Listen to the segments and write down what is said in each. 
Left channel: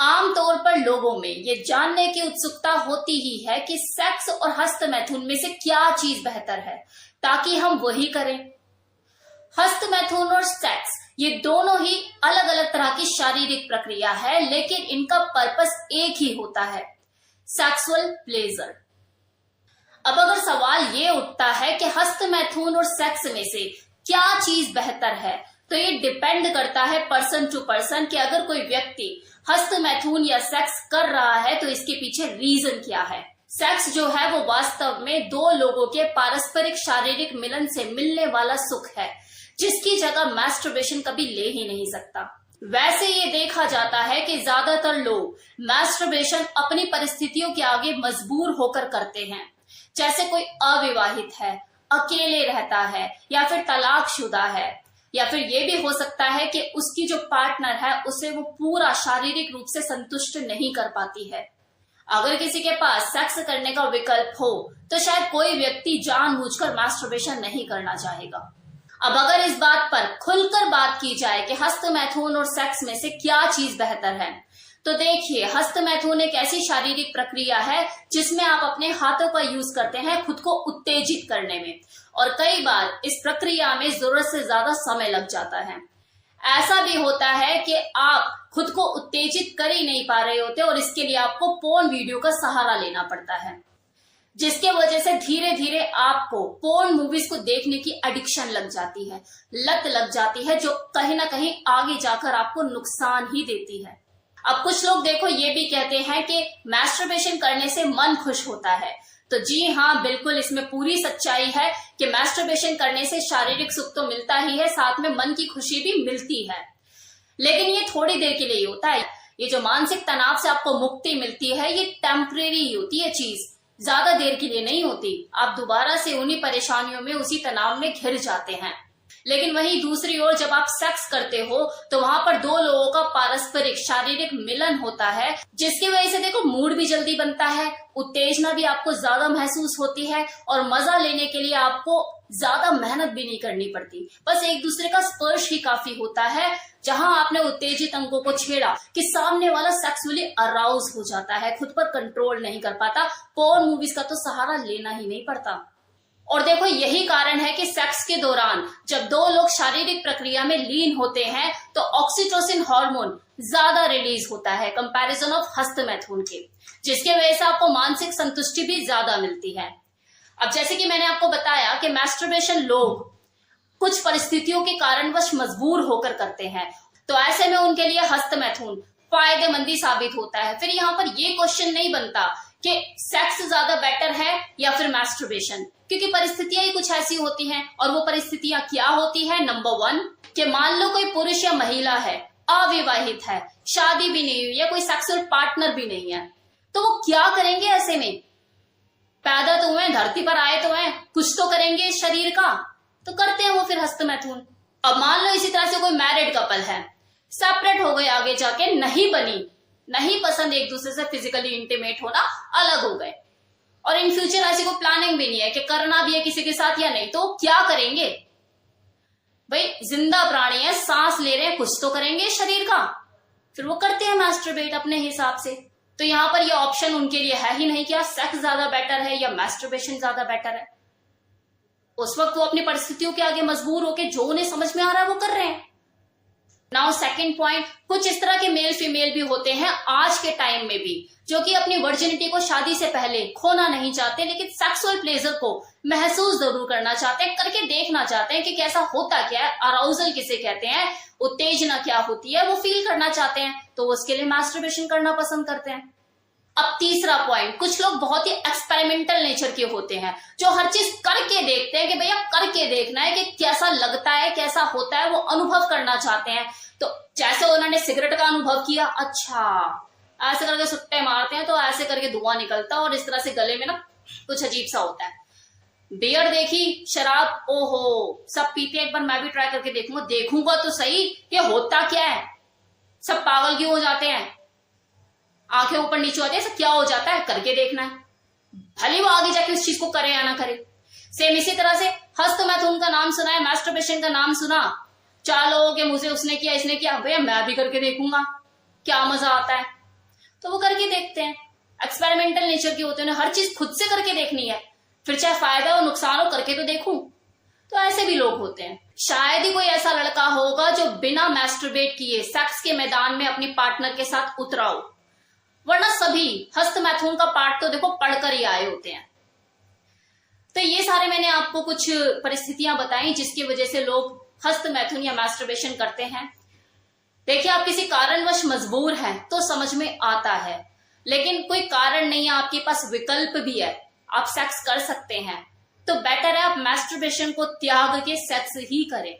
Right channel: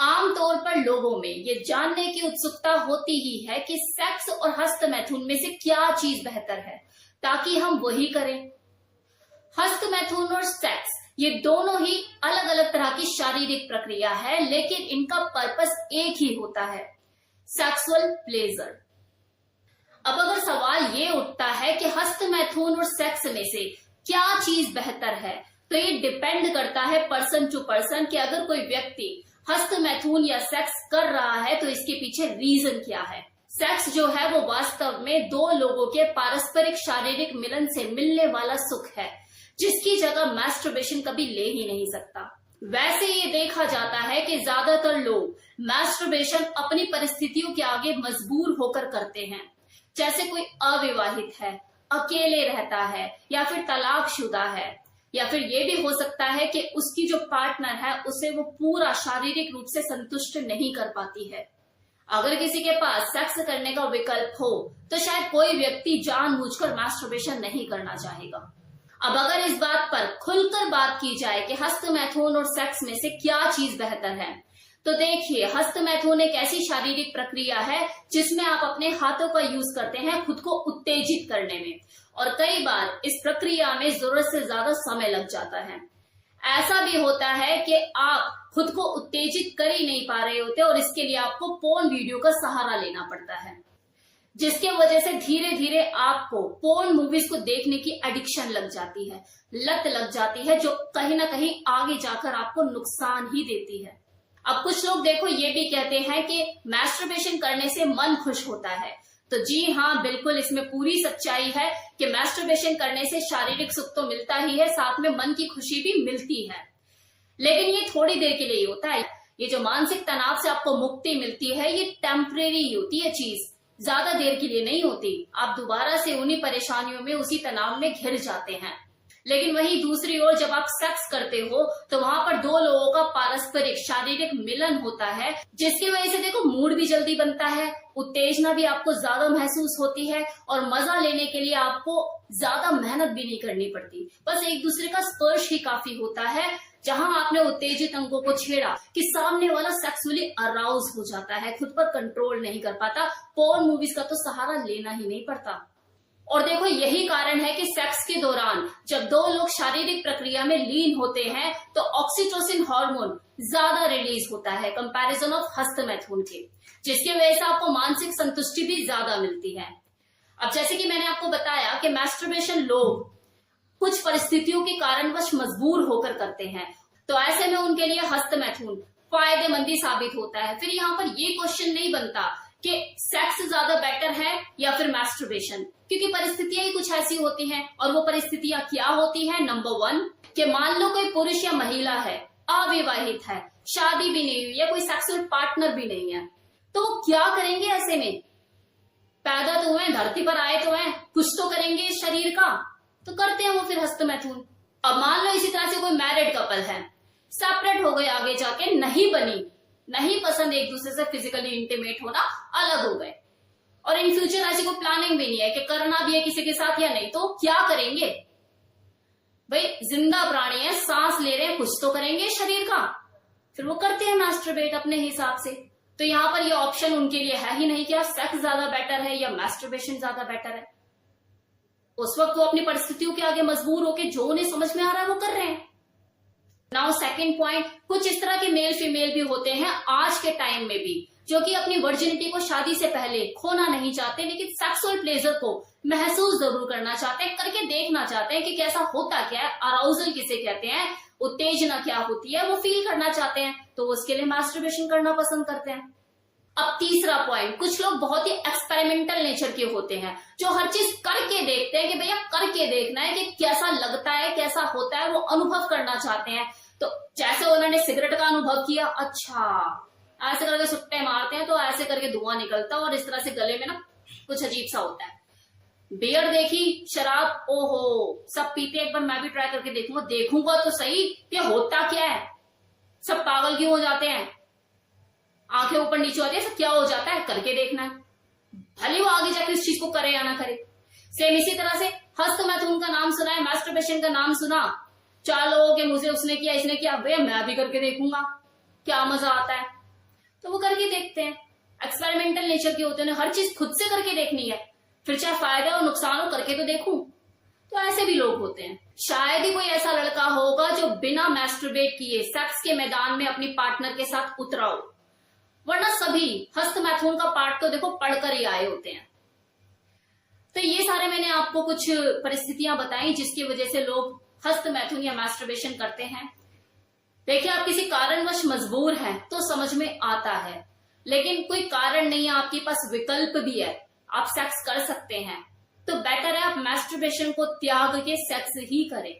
आमतौर पर लोगों में ये जानने की उत्सुकता होती ही है कि सेक्स और हस्तमैथुन में से क्या चीज बेहतर है, ताकि हम वही करें। हस्तमैथुन और सेक्स ये दोनों ही अलग अलग तरह की शारीरिक प्रक्रिया है, लेकिन इनका पर्पस एक ही होता है, सेक्सुअल प्लेजर। अब अगर सवाल ये उठता है कि हस्तमैथुन और सेक्स में से क्या चीज बेहतर है, तो ये डिपेंड करता है पर्सन टू पर्सन कि अगर कोई व्यक्ति हस्तमैथुन या सेक्स कर रहा है तो इसके पीछे रीजन क्या है। सेक्स जो है वो वास्तव में दो लोगों के पारस्परिक शारीरिक मिलन से मिलने वाला सुख है, जिसकी जगह मैस्टरबेशन कभी ले ही नहीं सकता। वैसे ये देखा जाता है कि ज्यादातर लोग मैस्टरबेशन अपनी परिस्थितियों के आगे मजबूर होकर करते हैं, जैसे कोई अविवाहित है, अकेले रहता है, या फिर तलाकशुदा है, या फिर ये भी हो सकता है कि उसकी जो पार्टनर है उसे वो पूरा शारीरिक रूप से संतुष्ट नहीं कर पाती है। अगर किसी के पास सेक्स करने का विकल्प हो तो शायद कोई व्यक्ति जानबूझकर मैस्टरबेशन नहीं करना चाहेगा। अब अगर इस बात पर खुलकर बात की जाए कि हस्तमैथुन और सेक्स में से क्या चीज बेहतर है, तो देखिए, हस्तमैथुन एक ऐसी शारीरिक प्रक्रिया है जिसमें आप अपने हाथों का यूज करते हैं खुद को उत्तेजित करने में, और कई बार इस प्रक्रिया में जरूरत से ज्यादा समय लग जाता है। ऐसा भी होता है कि आप खुद को उत्तेजित कर ही नहीं पा रहे होते और इसके लिए आपको पोर्न वीडियो का सहारा लेना पड़ता है, जिसके वजह से धीरे धीरे आपको पोर्न मूवीज को देखने की एडिक्शन लग जाती है, लत लग जाती है, जो कहीं ना कहीं आगे जाकर आपको नुकसान ही देती है। अब कुछ लोग देखो ये भी कहते हैं कि मैस्टरबेशन करने से मन खुश होता है, तो जी हाँ, बिल्कुल इसमें पूरी सच्चाई है कि मैस्टरबेशन करने से शारीरिक सुख तो मिलता ही है, साथ में मन की खुशी भी मिलती है, लेकिन ये थोड़ी देर के लिए होता है। ये जो मानसिक तनाव से आपको मुक्ति मिलती है ये टेम्परेरी होती है चीज, ज्यादा देर के लिए नहीं होती। आप दोबारा से उन्हीं परेशानियों में, उसी तनाव में घिर जाते हैं। लेकिन वहीं दूसरी ओर जब आप सेक्स करते हो तो वहां पर दो लोगों का पारस्परिक शारीरिक मिलन होता है, जिसकी वजह से देखो मूड भी जल्दी बनता है, उत्तेजना भी आपको ज्यादा महसूस होती है, और मजा लेने के लिए आपको ज्यादा मेहनत भी नहीं करनी पड़ती। बस एक दूसरे का स्पर्श ही काफी होता है, जहां आपने उत्तेजित अंगों को छेड़ा कि सामने वाला सेक्सुअली अराउज हो जाता है, खुद पर कंट्रोल नहीं कर पाता। पोर्न मूवीज का तो सहारा लेना ही नहीं पड़ता। और देखो, यही कारण है कि सेक्स के दौरान जब दो लोग शारीरिक प्रक्रिया में लीन होते हैं तो ऑक्सीटोसिन हार्मोन ज्यादा रिलीज होता है कंपैरिजन ऑफ हस्तमैथुन के, जिसके वजह से आपको मानसिक संतुष्टि भी ज्यादा मिलती है। अब जैसे कि मैंने आपको बताया कि मैस्टरबेशन लोग कुछ परिस्थितियों के कारणवश मजबूर होकर करते हैं, तो ऐसे में उनके लिए हस्तमैथुन फायदेमंदी साबित होता है। फिर यहाँ पर ये क्वेश्चन नहीं बनता कि सेक्स ज्यादा बेटर है या फिर मैस्टरबेशन, क्योंकि परिस्थितियां ही कुछ ऐसी होती हैं। और वो परिस्थितियां क्या होती है? नंबर 1 कि मान लो कोई पुरुष या महिला है, अविवाहित है, शादी भी नहीं हुई, या कोई सेक्सुअल पार्टनर भी नहीं है, तो वो क्या करेंगे ऐसे में? पैदा तो हुए, धरती पर आए तो हैं, कुछ तो करेंगे इस शरीर का, तो करते हैं वो फिर हस्तमैथुन। अब मान लो इसी तरह से कोई मैरिड कपल है, सेपरेट हो गए, आगे जाके नहीं बनी, नहीं पसंद एक दूसरे से फिजिकली इंटीमेट होना, अलग हो गए, और इन फ्यूचर ऐसी कोई प्लानिंग भी नहीं है कि करना भी है किसी के साथ या नहीं, तो क्या करेंगे? भाई जिंदा प्राणी है, सांस ले रहे हैं, कुछ तो करेंगे शरीर का, फिर वो करते हैं मैस्टरबेट अपने हिसाब से। तो यहाँ पर ये ऑप्शन उनके लिए है ही नहीं कि सेक्स ज्यादा बेटर है या मैस्टरबेशन ज्यादा बेटर है। उस वक्त वो अपनी परिस्थितियों के आगे मजबूर होकर जो उन्हें समझ में आ रहा है वो कर रहे हैं। नाउ सेकंड पॉइंट, कुछ इस तरह के मेल फीमेल भी होते हैं आज के टाइम में भी, जो कि अपनी वर्जिनिटी को शादी से पहले खोना नहीं चाहते, लेकिन सेक्सुअल प्लेजर को महसूस जरूर करना चाहते हैं, करके देखना चाहते हैं कि कैसा होता क्या है, अराउजल किसे कहते हैं, उत्तेजना क्या होती है, वो फील करना चाहते हैं, तो उसके लिए मैस्टरबेशन करना पसंद करते हैं। अब तीसरा पॉइंट, कुछ लोग बहुत ही एक्सपेरिमेंटल नेचर के होते हैं, जो हर चीज करके देखते हैं कि भैया करके देखना है कि कैसा लगता है, कैसा होता है, वो अनुभव करना चाहते हैं। तो जैसे उन्होंने सिगरेट का अनुभव किया, अच्छा ऐसे करके सुट्टे मारते हैं तो ऐसे करके धुआं निकलता है और इस तरह से गले में ना कुछ अजीब सा होता है। बियर देखी, शराब, ओहो सब पीते, एक बार मैं भी ट्राई करके देखूंगा तो सही ये होता क्या है, सब पागल क्यों हो जाते हैं, आंखें ऊपर नीचे होती है, सब क्या हो जाता है, करके देखना है, भले वो आगे जाके उस चीज को करे या ना करे। सेम इसी तरह से हस्तमैथुन का नाम सुना है, मैस्टरबेशन का नाम सुना, 4 लोगों के मुझे उसने किया, इसने किया, भैया मैं भी करके देखूंगा क्या मजा आता है। तो वो करके देखते हैं। एक्सपेरिमेंटल नेचर के होते हैं, हर चीज खुद से करके देखनी है, फिर चाहे फायदा और नुकसान हो करके तो देखूं। तो ऐसे भी लोग होते हैं। शायद ही कोई ऐसा लड़का होगा जो बिना मैस्टरबेट किए सेक्स के मैदान में अपनी पार्टनर के साथ उतरा हो, वरना सभी हस्तमैथुन का पार्ट तो देखो पढ़कर ही आए होते हैं। तो ये सारे मैंने आपको कुछ परिस्थितियां बताई जिसकी वजह से लोग हस्तमैथुन या मैस्टरबेशन करते हैं। देखिए, आप किसी कारणवश मजबूर हैं तो समझ में आता है, लेकिन कोई कारण नहीं है, आपके पास विकल्प भी है, आप सेक्स कर सकते हैं, तो बेटर है आप मैस्टरबेशन को त्याग के सेक्स ही करें।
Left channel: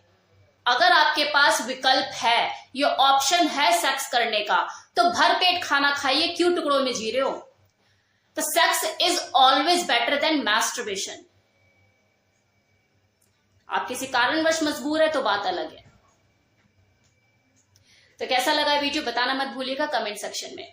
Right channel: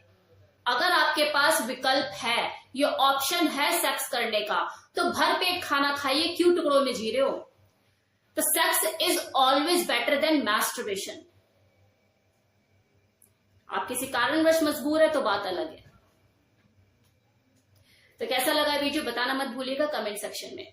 अगर आपके पास विकल्प है, ये ऑप्शन है सेक्स करने का, तो भर पेट खाना खाइए, क्यों टुकड़ों में जी रहे हो। तो sex is always better than masturbation. आप किसी कारणवश मजबूर है तो बात अलग है। तो कैसा लगा वीडियो बताना मत भूलिएगा कमेंट सेक्शन में।